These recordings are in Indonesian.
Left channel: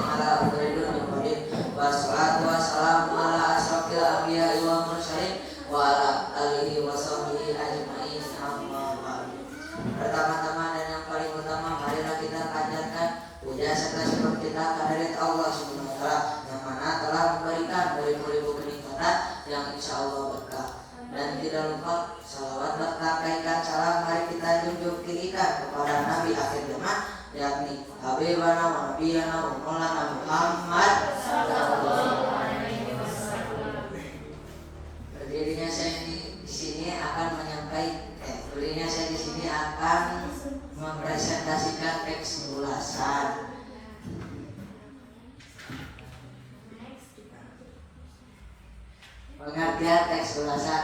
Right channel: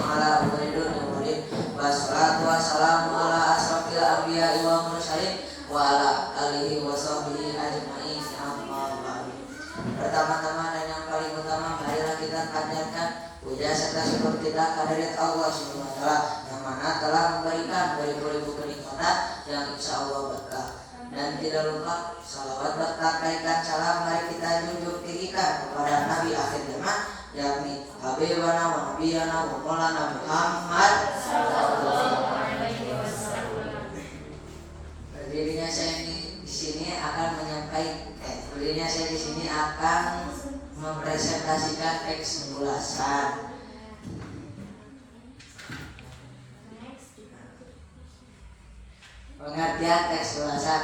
ala abdul muhammadin wassalatu wassalamu ala asrofil anbiya'i wal mursalin wa ala alihi wa sahbihi ajma'in. Amma ba'du. Pertama-tama dan yang paling utama, marilah kita panjatkan puja serta syukur kita kehadirat Allah Subhanahu wa taala yang mana telah memberikan beribu-ribu kenikmatan yang insya Allah berkah. Dan tidak lupa salawat berkah kaitan salam mari kita junjung tinggikan kepada Nabi akhir zaman yakni Habibana wa Nabiyana wa Maulana Muhammad sallallahu alaihi wasallam. Berdirinya saya di sini akan mempresentasikan teks ulasan. Pengertian teks ulasan.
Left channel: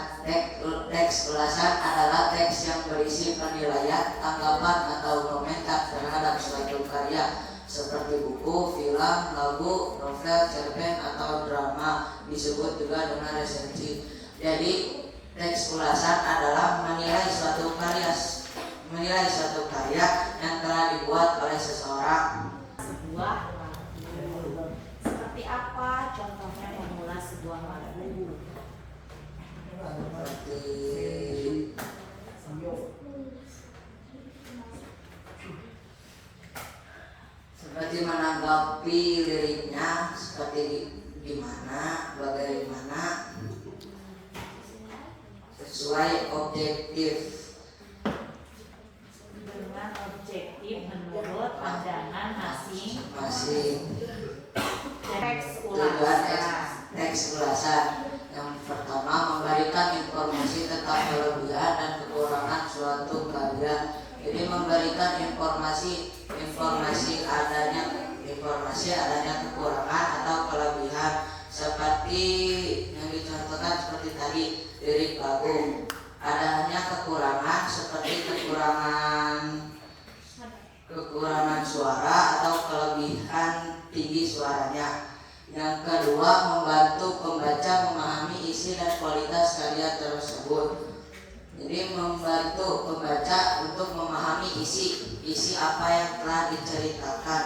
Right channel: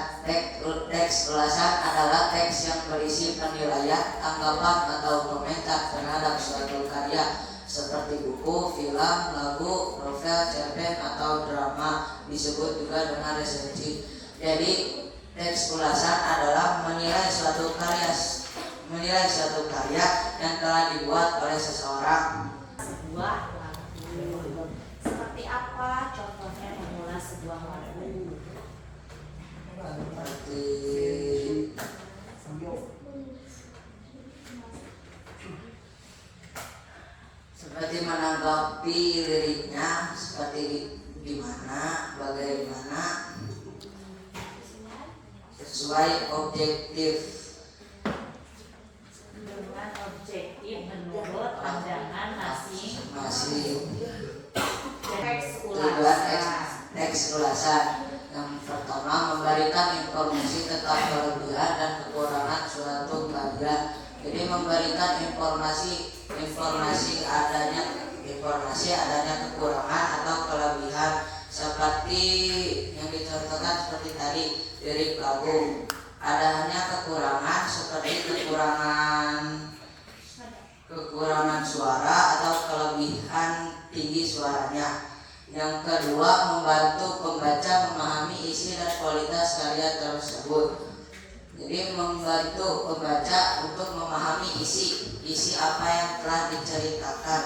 Teks ulasan adalah teks yang berisi penilaian, tanggapan atau komentar terhadap suatu karya seperti buku, film, lagu, novel, cerpen atau drama, disebut juga dengan resensi. Jadi teks ulasan adalah menilai suatu karya yang telah dibuat oleh seseorang. Sebuah lagu. Seperti apa contohnya mengulas sebuah lagu? Seperti menanggapi liriknya, seperti di mana, bagaimana, sesuai objektif. Dengan objektif menurut pandangan masing-masing. Teks ulasan yang pertama memberikan informasi tentang kelebihan dan kekurangan suatu karya. Jadi memberikan informasi adanya kekurangan atau kelebihan seperti yang dicontohkan seperti tadi lirik lagu. Adanya kekurangan seperti kekurangan suara atau kelebihan tinggi suaranya. Yang kedua, membantu pembaca memahami isi dan kualitas karya tersebut. Jadi membantu pembaca untuk memahami isi apa yang telah diceritakan.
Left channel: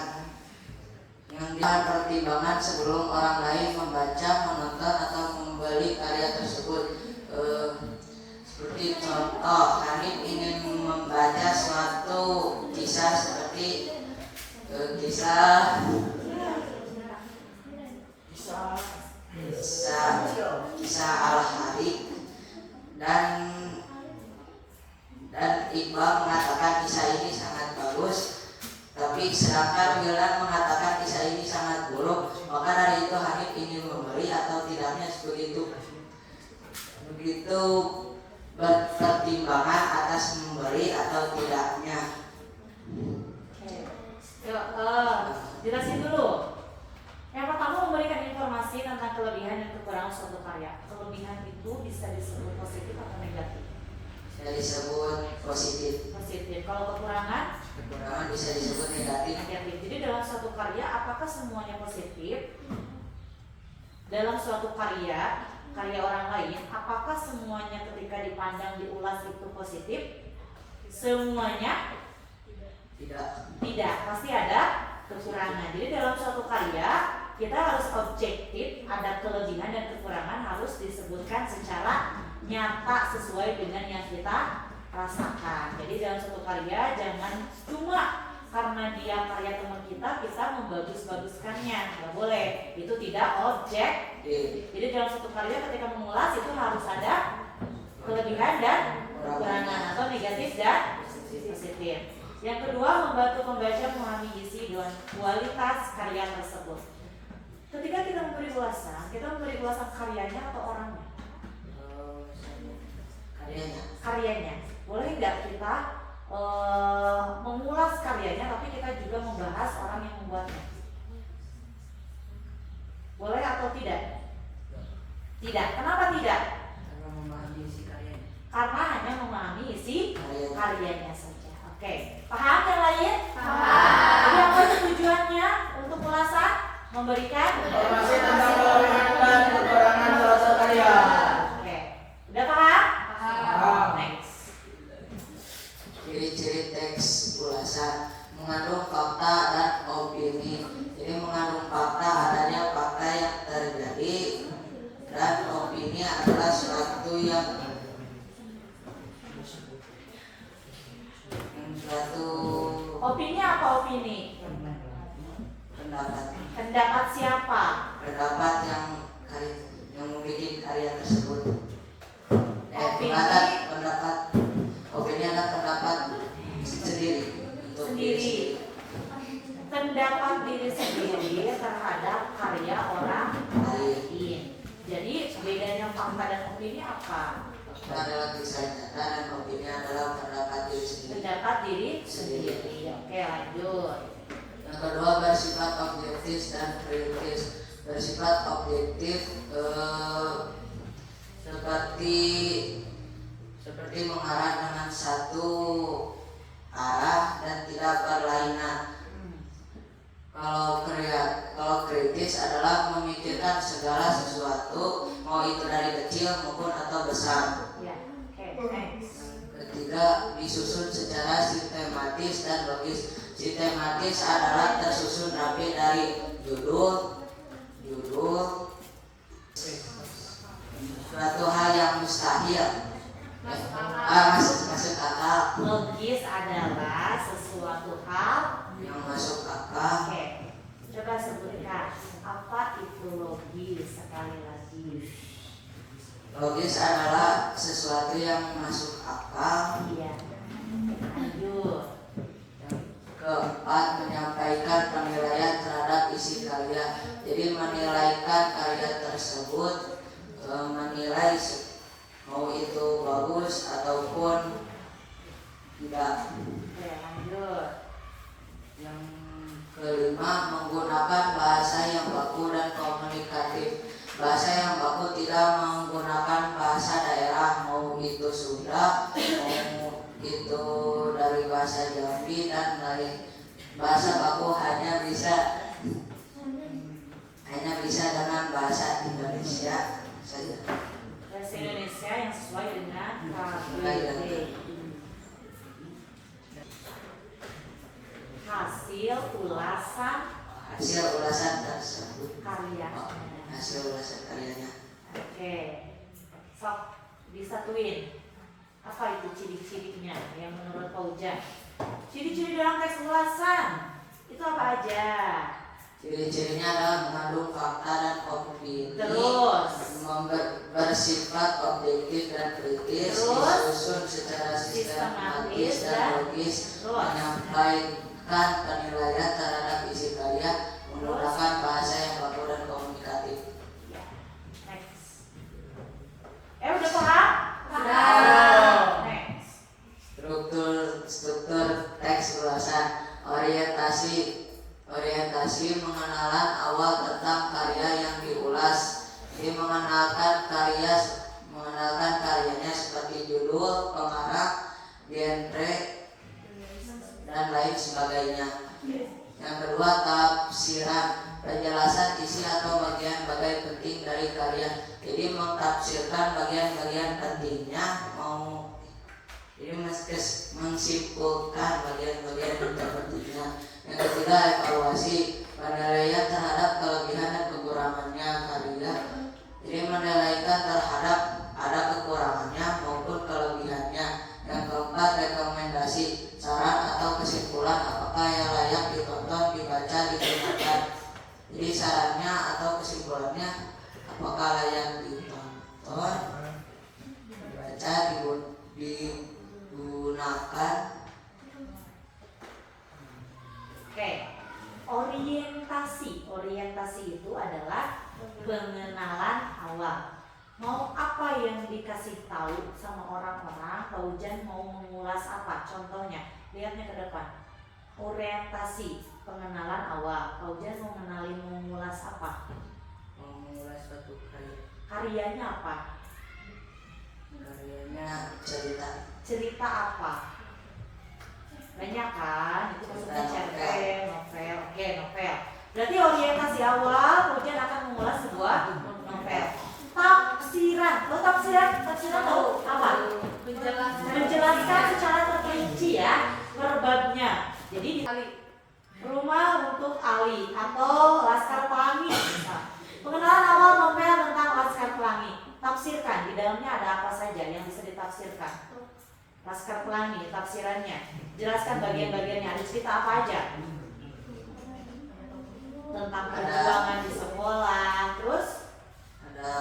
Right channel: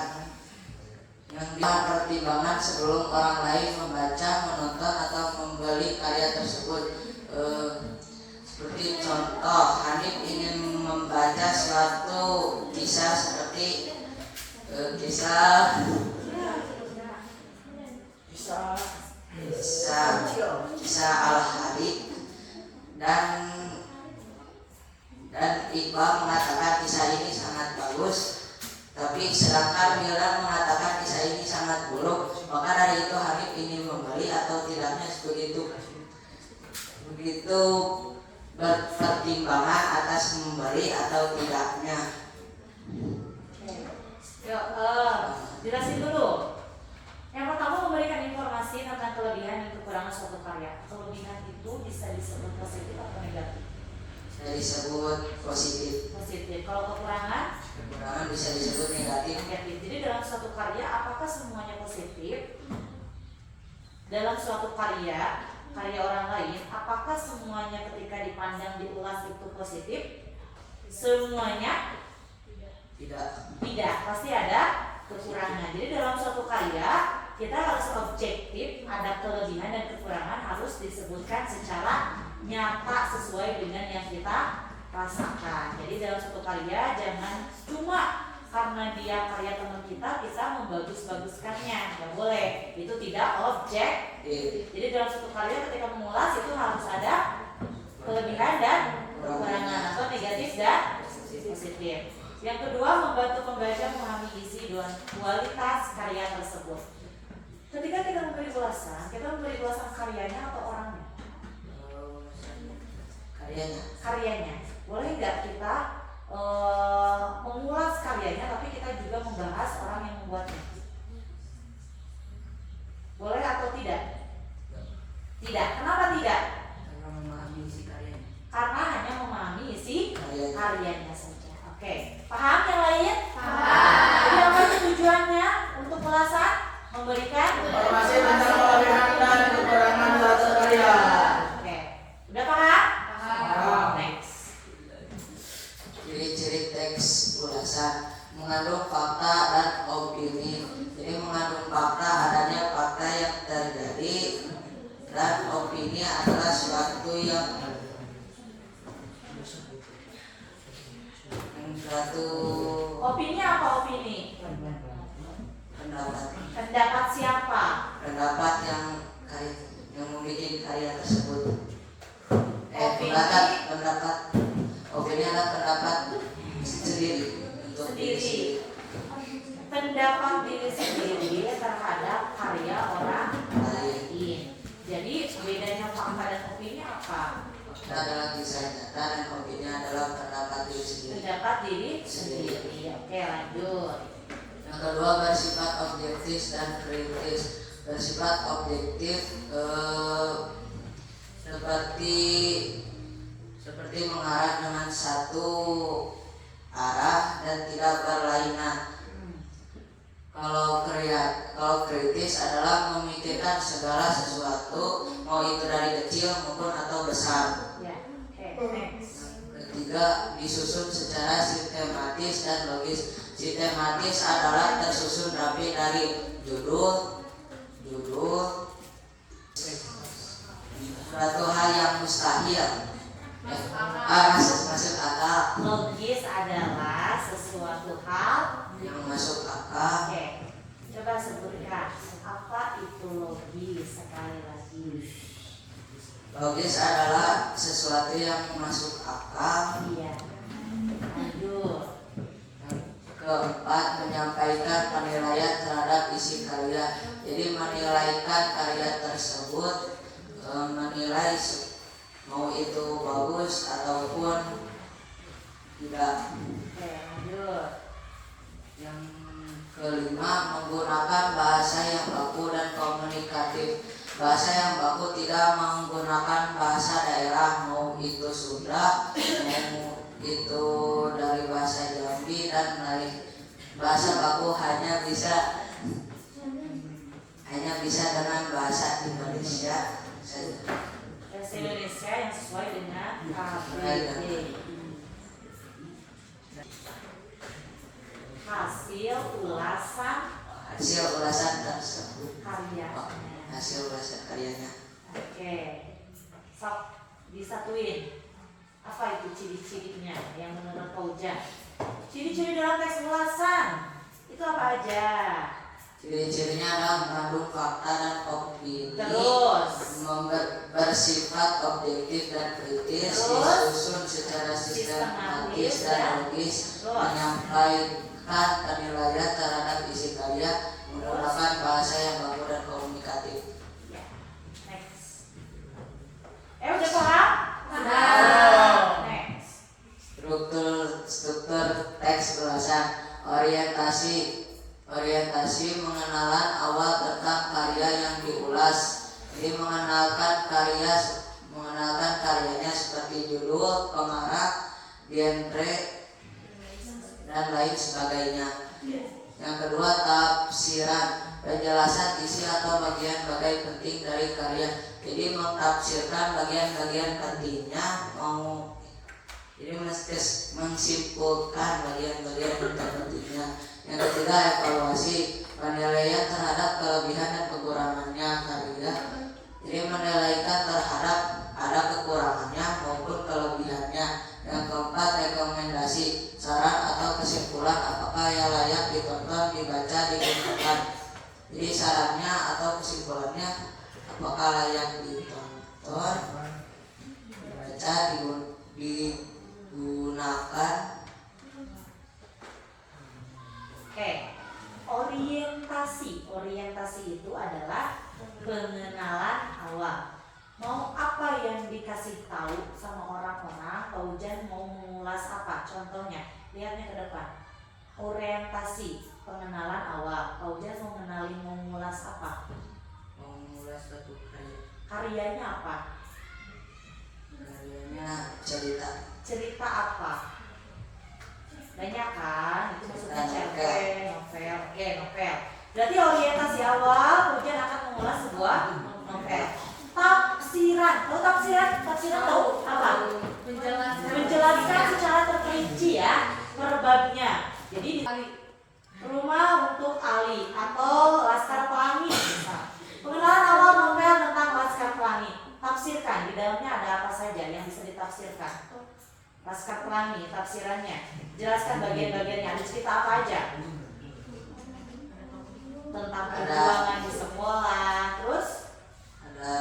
Yang pertimbangan sebelum orang lain membaca, menonton atau membeli karya tersebut. Seperti contoh, Hanif ingin membaca suatu kisah seperti kisah Al-Harik dan Iqbal mengatakan kisah ini sangat bagus, tapi sedangkan Wildan mengatakan kisah ini sangat buruk. Maka dari itu Hanif ingin membeli atau tidaknya begitu pertimbangan atas membeli atau tidaknya. Jelasin dulu. Yang pertama, memberikan informasi tentang kelebihan dan kekurangan suatu karya. Kelebihan itu bisa disebut positif atau negatif? Bisa disebut positif. Kalau kekurangan Bisa disebut negatif. Jadi dalam suatu karya, apakah semuanya positif? Dalam suatu karya orang lain, apakah semuanya ketika dipandang, diulas itu positif? Semuanya? Tidak. Pasti ada kekurangan. Jadi dalam suatu karya kita harus objektif, ada kelebihan dan kekurangan harus disebutkan secara nyata sesuai dengan yang kita rasakan. Jadi dalam suatu karya jangan cuma karena dia karya teman kita membagus-baguskannya, nggak boleh. Itu tidak objektif. Jadi dalam suatu karya ketika mengulas itu harus ada kelebihan dan kekurangan atau negatif dan positif. Yang kedua, membantu pembaca memahami isi dan kualitas karya tersebut. Ketika kita memberi ulasan karyanya atau orangnya? Karyanya. Boleh nggak kita mengulas karyanya, tapi kita juga membahas orang yang membuatnya? Boleh atau tidak? Tidak. Kenapa tidak? Karena memahami isi karyanya. Karena hanya memahami isi karyanya saja. Oke. Paham yang lain? Paham. Jadi apa tujuannya untuk ulasan? Memberikan informasi tentang kelebihan dan kekurangan suatu karya. Oke. Udah paham? Paham. Next. Ciri-ciri teks ulasan. mengandung fakta dan opini. Jadi mengandung fakta adanya fakta yang terjadi, dan opini adalah suatu Opini apa opini? Pendapat siapa? Pendapat yang memiliki karya tersebut. Opini. Pendapat opini adalah pendapat sendiri untuk diri sendiri. Pendapat diri sendiri terhadap karya orang lain. Jadi bedanya fakta dan opini apa? Fakta adalah kisah nyata dan opini adalah pendapat diri sendiri. Pendapat diri sendiri. Oke, lanjut. Yang kedua, bersifat objektif dan kritis. Bersifat objektif seperti mengarah dengan satu arah dan tidak berlainan. Kalau kritis adalah memikirkan segala sesuatu, mau itu dari kecil maupun atau besar. Ya, oke, next. Ketiga, disusun secara sistematis dan logis. Sistematis adalah tersusun rapi dari judul, suatu hal yang mustahil, masuk akal. Logis adalah sesuatu hal Yang masuk akal. Oke, coba sebutkan apa itu logis sekali lagi. Logis adalah sesuatu yang masuk akal. Iya. Lanjut. Keempat, menyampaikan penilaian terhadap isi karya. Jadi menilaikan karya tersebut, menilai mau itu bagus ataupun tidak. Oke, lanjut. Yang kelima, menggunakan bahasa yang baku dan komunikatif. Bahasa yang baku tidak menggunakan bahasa daerah, mau itu Sunda, mau itu dari bahasa Jambi dan lain. Bahasa baku hanya bisa dengan bahasa Indonesia saja. Bahasa Indonesia yang sesuai dengan KBBI. Hasil ulasan tersebut. karya. Hasil ulasan karyanya. Oke, sok disatuin. Apa itu ciri-cirinya yang menurut Pak Ujan? Ciri-ciri dalam teks ulasan itu apa aja? Ciri-cirinya adalah mengandung fakta dan opini. Terus bersifat objektif dan kritis, Terus? disusun secara sistematis dan logis, Terus? menyampaikan penilaian terhadap isi karya, menggunakan bahasa yang baku dan komunikatif. Ya, next. Udah paham? Paham. Next. Struktur teks ulasan. Orientasi pengenalan awal tentang karya yang diulas. Jadi mengenalkan karyanya seperti judul, pengarah, genre, dan lain sebagainya. Yang kedua, tafsiran, penjelasan isi atau bagian-bagian penting dari karya. Jadi mentafsirkan bagian-bagian pentingnya, jadi mensimpulkan bagian-bagian pentingnya. Yang ketiga, evaluasi, penilaian terhadap kelebihan dan kekurangannya karya. Jadi menilaikan terhadap ada kekurangannya maupun kelebihannya. Yang keempat, rekomendasi, saran atau kesimpulan apakah yang layak ditonton, dibaca, digunakan. Jadi sarannya atau kesimpulannya apakah layak ditonton, dibaca, digunakan. Oke, orientasi itu adalah pengenalan awal. Mau apa yang dikasih tahu sama orang-orang, Pak Ujan mau mengulas apa? Contohnya, lihatnya ke depan. Orientasi, pengenalan awal. Pak Ujan mau mengulas apa? Mengulas suatu karya. Karyanya apa? Karyanya cerita. Cerita apa? Banyak kan? Itu maksudnya cerpen, novel. Oke, novel. Berarti orientasi awal, Ujan akan mengulas sebuah novel. Tafsiran, tafsiran tahu apa? Menjelaskan secara terperinci ya per babnya. Jadi di Rumah untuk Ali atau Laskar Pelangi misal. Pengenalan awal novel tentang Laskar Pelangi. Tafsirkan, di dalamnya ada apa saja yang bisa ditafsirkan. Laskar Pelangi, tafsirannya. Jelaskan bagian-bagiannya, ada cerita apa aja? Tentang perjuangan di sekolah. Terus? Ada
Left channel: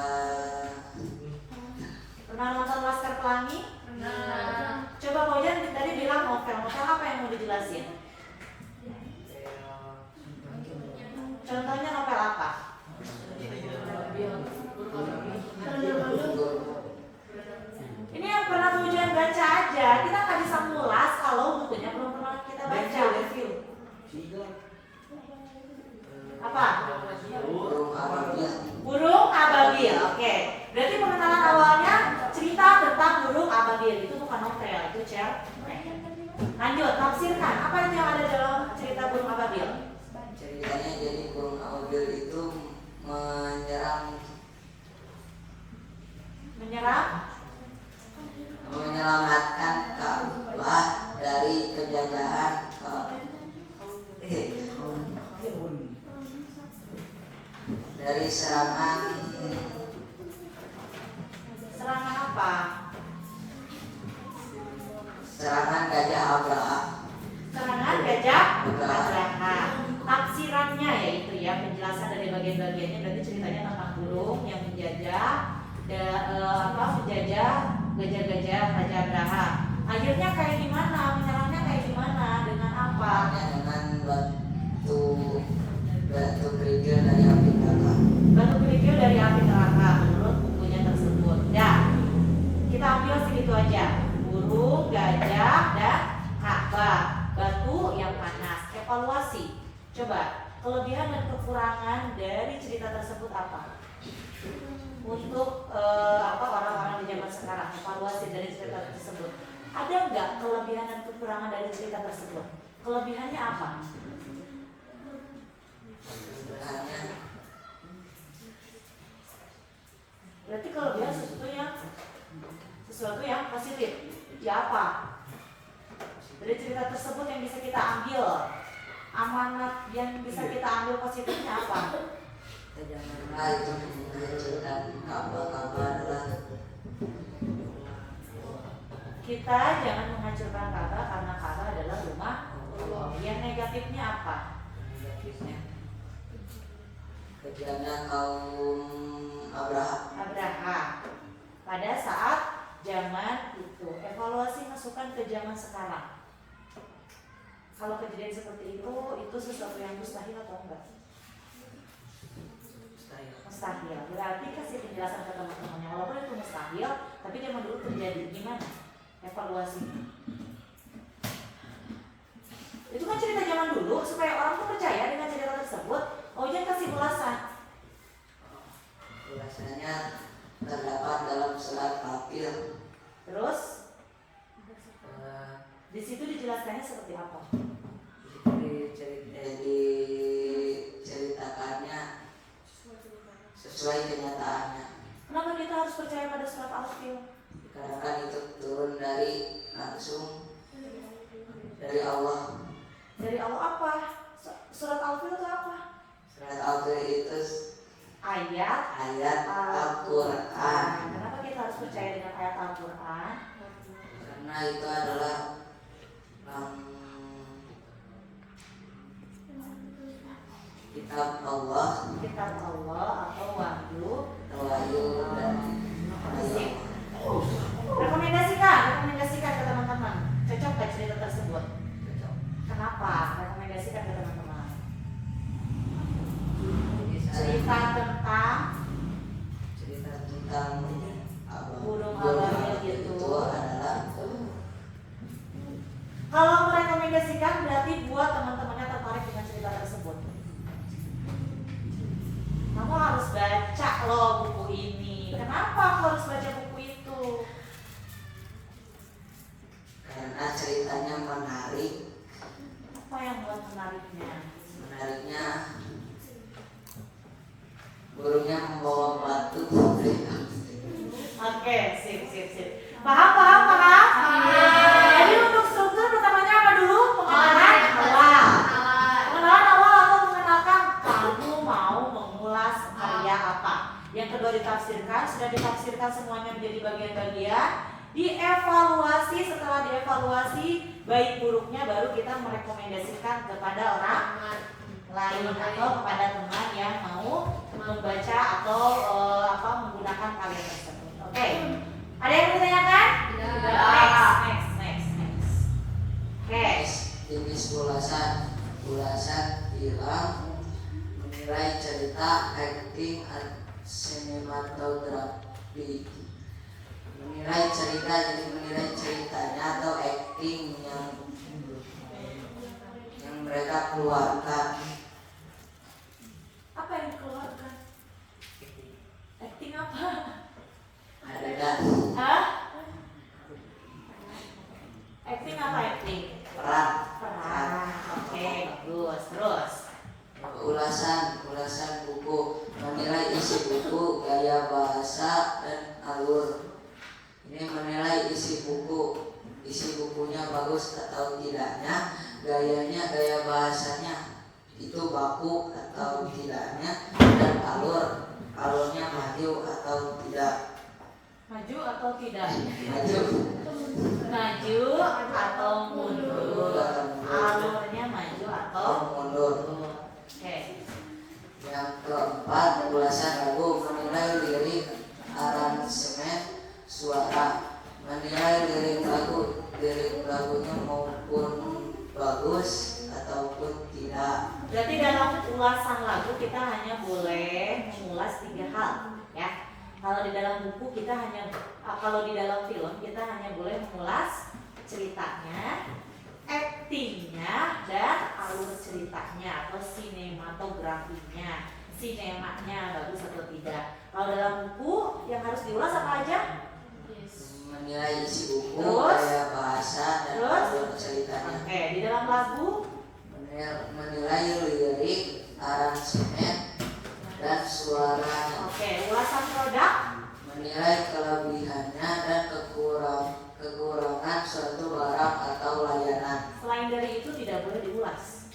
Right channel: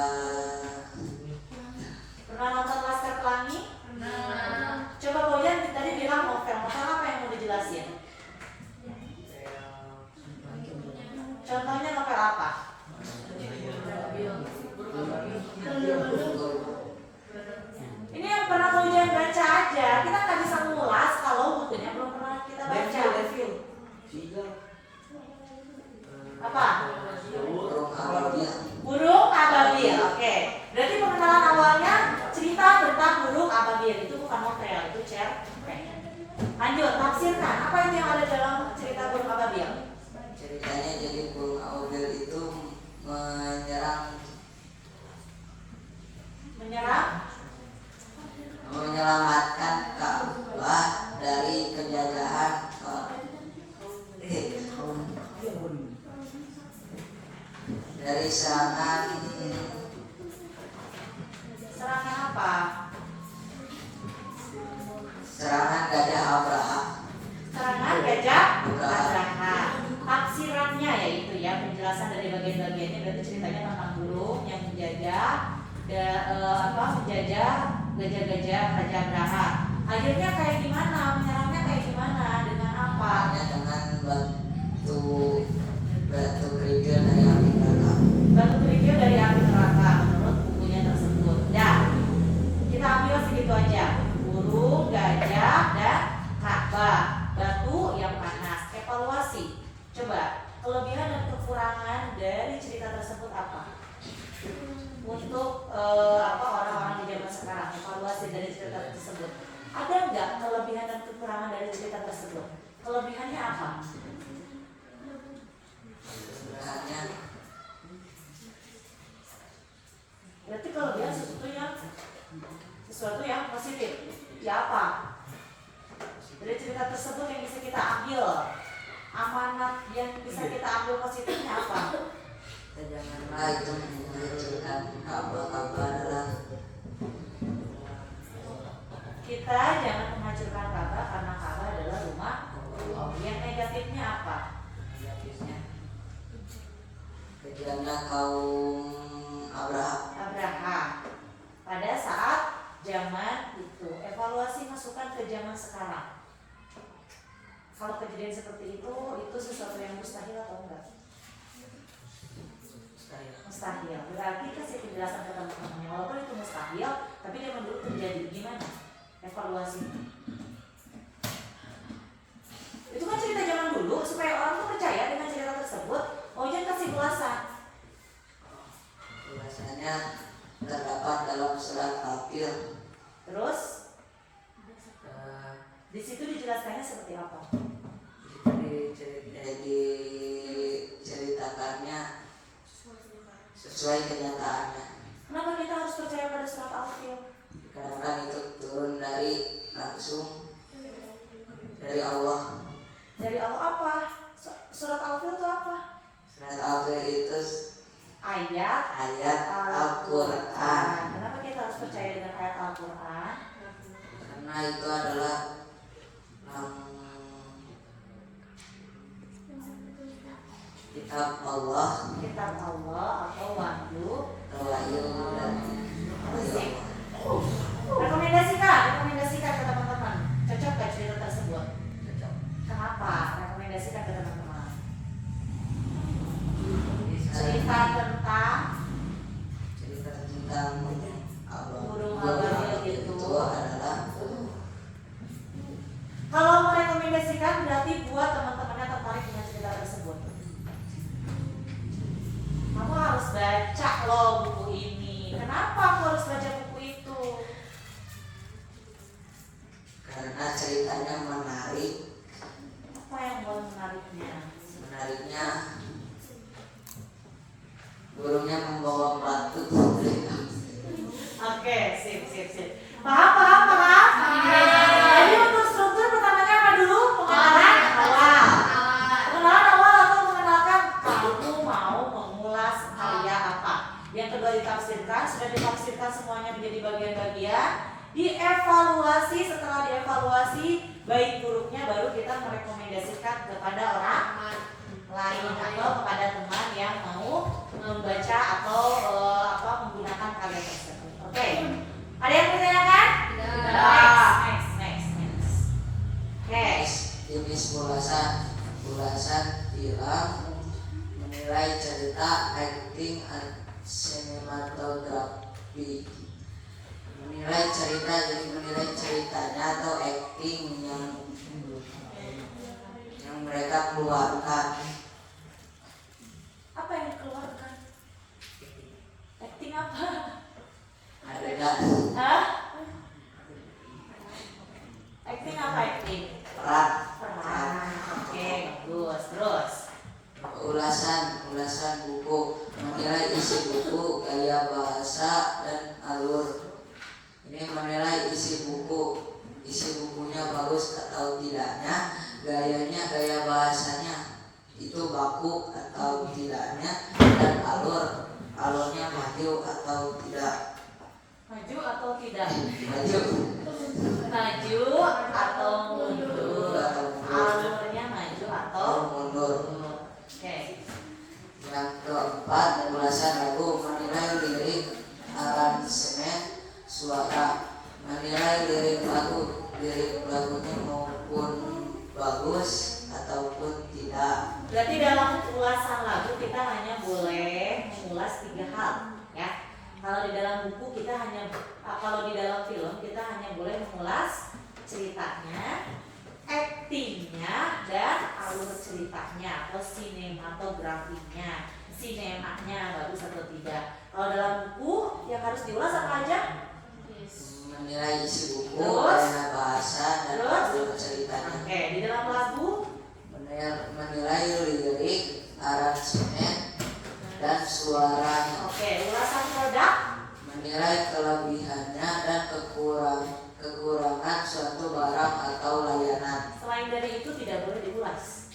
Pernah nonton Laskar Pelangi? Pernah. Coba Bojan tadi bilang novel. Novel apa yang mau dijelasin? Contohnya novel apa? Ini yang pernah Bojan baca aja. Kita nggak bisa ngulas kalau bukunya belum pernah kita baca. Apa? burung ababil. Burung ababil. Oke. Berarti pengenalan awalnya cerita tentang burung ababil. Itu bukan novel, itu cerpen. Lanjut, tafsirkan. Apa itu yang ada dalam cerita burung ababil? Ceritanya jadi burung ababil itu menyelamatkan Ka'bah dari penjajahan dari serangan apa? serangan gajah Abraha. Serangan gajah Abraha. Tafsirannya yaitu ya penjelasan dari bagian-bagiannya, berarti ceritanya tentang burung yang menjajah menjajah gajah-gajah Raja Abraha. Akhirnya kayak gimana? Menyerangnya kayak gimana? Dengan apa? Dengan batu kerikil dari api neraka. Batu kerikil dari api neraka menurut bukunya tersebut. Dan kita ambil segitu aja. Burung, gajah, dan Ka'bah. Batu yang panas. Evaluasi. Coba kelebihan dan kekurangan dari cerita tersebut apa? Untuk orang-orang di zaman sekarang, evaluasi dari cerita tersebut. Ada nggak kelebihan dan kekurangan dari cerita tersebut? Kelebihannya apa? Berarti kelebihan sesuatu yang positif. Ya apa? Dari cerita tersebut yang bisa kita ambil, amanat yang bisa kita ambil positifnya apa? Janganlah itu menghancurkan Ka'bah adalah kita jangan menghancurkan Ka'bah karena Ka'bah adalah rumah Allah. Yang negatifnya apa? negatifnya kejamnya kaum Abraha. Pada saat zaman itu, evaluasi masukkan ke zaman sekarang. Kalau kejadian seperti itu sesuatu yang mustahil atau enggak? Mustahil. Berarti kasih penjelasan ke teman-temannya, walaupun itu mustahil, tapi zaman dulu terjadi. Gimana evaluasi? Itu kan cerita zaman dulu, supaya orang tuh percaya dengan cerita tersebut. Oh, jangan kasih ulasan. Ulasannya terdapat dalam surat Al-Fil. Terus di situ dijelaskannya seperti apa? Diceritakannya sesuai kenyataannya. Kenapa kita harus percaya pada surat Al-Fil? Karena kan itu turun langsung dari Allah. Dari Allah apa? Surat Al-Fil itu apa? Surat Al-Fil itu Ayat Al-Quran. Kenapa kita harus percaya dengan ayat Al-Quran? Karena itu adalah kitab Allah atau wahyu dan rekomendasikan ke teman-teman. Cocok gak cerita tersebut? cocok. Kenapa? Rekomendasikan ke teman-teman. Cerita Cerita tentang tentang burung ababil itu adalah kalau merekomendasikan berarti buat teman-temannya tertarik dengan cerita tersebut. Kamu harus baca loh buku ini. Kenapa aku harus baca buku itu? karena ceritanya menarik. Apa yang buat menariknya? Menariknya burungnya membawa batu. Oke, sip. Paham? Jadi untuk struktur pertamanya apa dulu? Pengenalan evaluasi, setelah dievaluasi baik buruknya baru kita merekomendasikan kepada orang lain atau kepada teman yang mau membaca atau menggunakan karya tersebut. Oke. Ada yang ditanyakan? Next. Oke. Jenis ulasan bilang menilai cerita, acting, sinematografi. Menilai cerita, jadi menilai ceritanya atau acting yang mereka keluarkan. Apa yang dikeluarkan? Acting apa? Adegan. Hah? Acting apa acting? Peran. Oke, bagus. Terus. Ulasan buku, menilai isi buku, gaya bahasa dan alur. Ini menilai isi bukunya bagus atau tidaknya, gaya bahasanya itu baku atau tidaknya, dan alurnya maju atau tidak. Maju atau tidak? Maju atau mundur. Alurnya maju atau mundur. Oke. Yang keempat, ulasan lagu, menilai lirik, aransemen, suara. Menilai lirik lagunya maupun bagus ataupun tidak. Berarti dalam ulasan lagu kita hanya boleh mengulas 3 hal, ya. Kalau di dalam buku kita kalau di dalam film kita hanya boleh mengulas ceritanya, actingnya, dan alur ceritanya atau sinematografinya, sinemanya bagus atau tidak. Kalau dalam buku yang harus diulas apa aja? Menilai isi buku, Terus? gaya bahasa dan alur ceritanya. Oke, di dalam lagu menilai lirik, aransemen, dan suaranya. oke, ulasan produk. Menilai kelebihannya dan kekurangan suatu barang atau layanan. Selain dari itu tidak boleh diulas.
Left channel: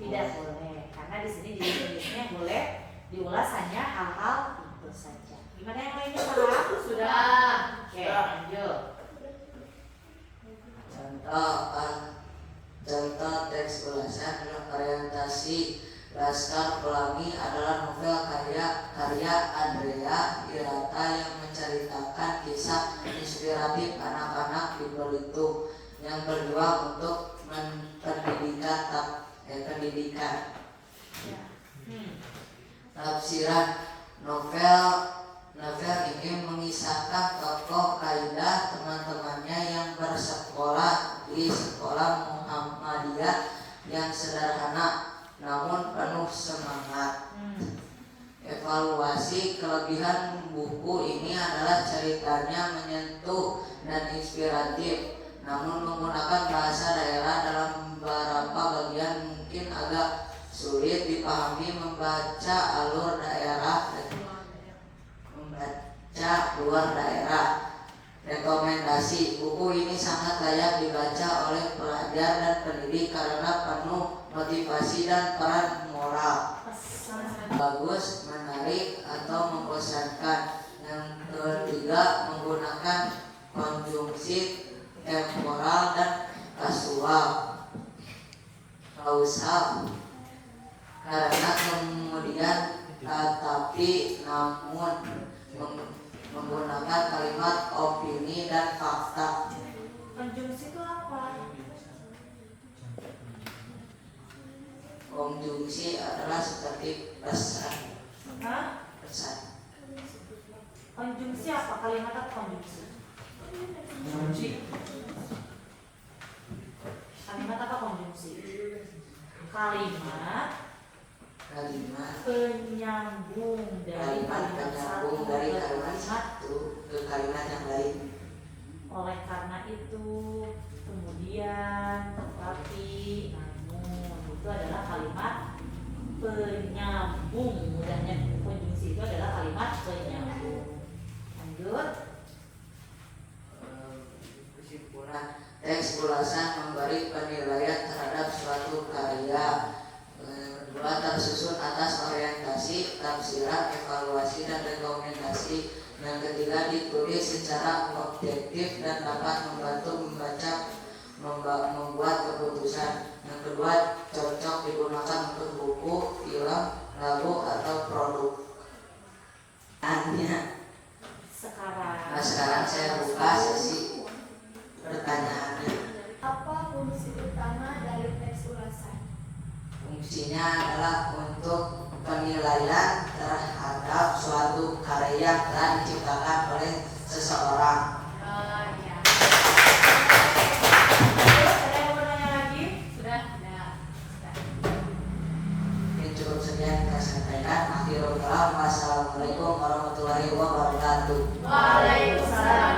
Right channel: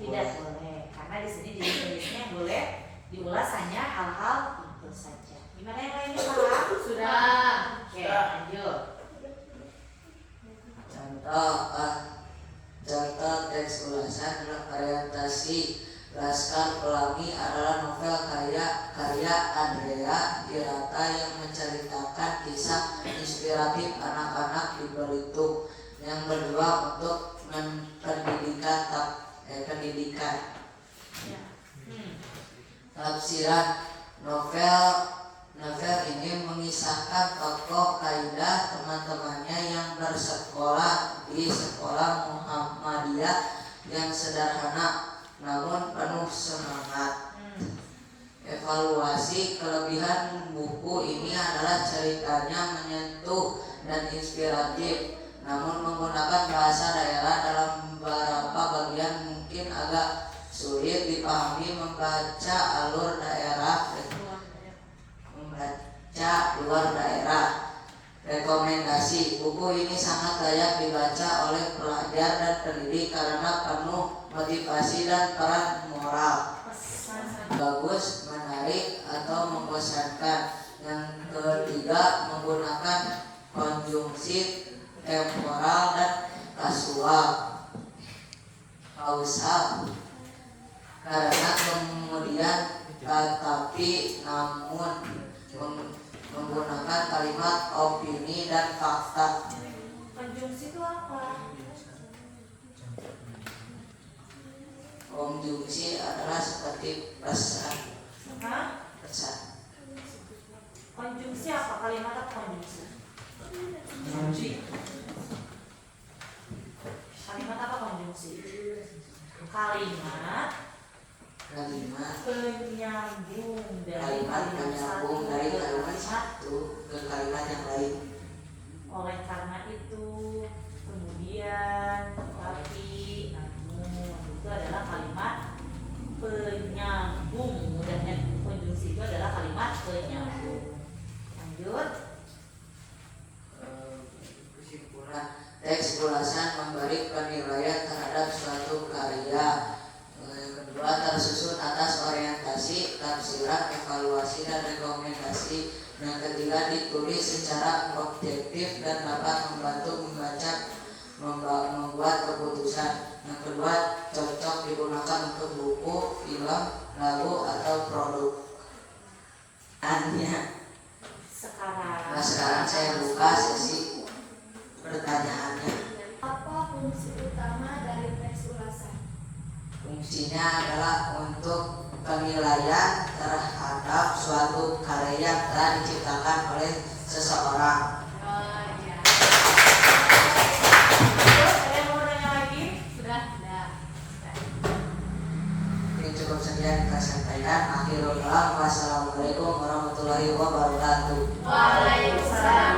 Tidak boleh, karena di sini jenis-jenisnya boleh diulas hanya hal-hal itu saja. Gimana yang lainnya paham? Sudah. Oke, lanjut. Contoh teks ulasan adalah orientasi Laskar Pelangi adalah novel karya Andrea Hirata yang menceritakan kisah inspiratif anak-anak di Belitung yang berjuang untuk pendidikan. Tafsiran novel ini mengisahkan tokoh Kaidah teman-temannya yang bersekolah di sekolah Muhammadiyah yang sederhana namun penuh semangat. Evaluasi kelebihan buku ini adalah ceritanya menyentuh dan inspiratif, namun menggunakan bahasa daerah dalam beberapa bagian mungkin agak sulit dipahami membaca luar daerah. Rekomendasi, buku ini sangat layak dibaca oleh pelajar dan pendidik karena penuh motivasi dan peran moral. Bagus, menarik, atau membosankan. Yang ketiga, menggunakan konjungsi temporal dan kausal karena kemudian tetapi namun menggunakan kalimat opini dan fakta. Konjungsi itu apa? Konjungsi adalah seperti pesan. Pesan. Konjungsi apa? Kalimat apa konjungsi? Kalimat apa konjungsi? Kalimat penyambung dari kalimat satu ke kalimat yang lain. Oleh karena itu, kemudian, tetapi, namun itu adalah kalimat penyambung. Mudahnya konjungsi itu adalah kalimat penyambung. Lanjut. Kesimpulan, teks ulasan memberi penilaian terhadap suatu karya. Kedua, tersusun atas orientasi, tafsiran, evaluasi, dan rekomendasi. Yang ketiga, ditulis secara objektif dan dapat membantu membuat keputusan. Yang kedua, cocok digunakan untuk buku, film, lagu, atau produk. Sekarang saya buka sesi pertanyaannya. Apa fungsi utama dari teks ulasan? Fungsinya adalah untuk penilaian terhadap suatu karya yang telah diciptakan oleh seseorang. Terus ada yang mau nanya lagi? Sudah ada. Ini cukup sekian kita sampaikan. Akhirul kalam. Wassalamualaikum warahmatullahi wabarakatuh. Waalaikumsalam.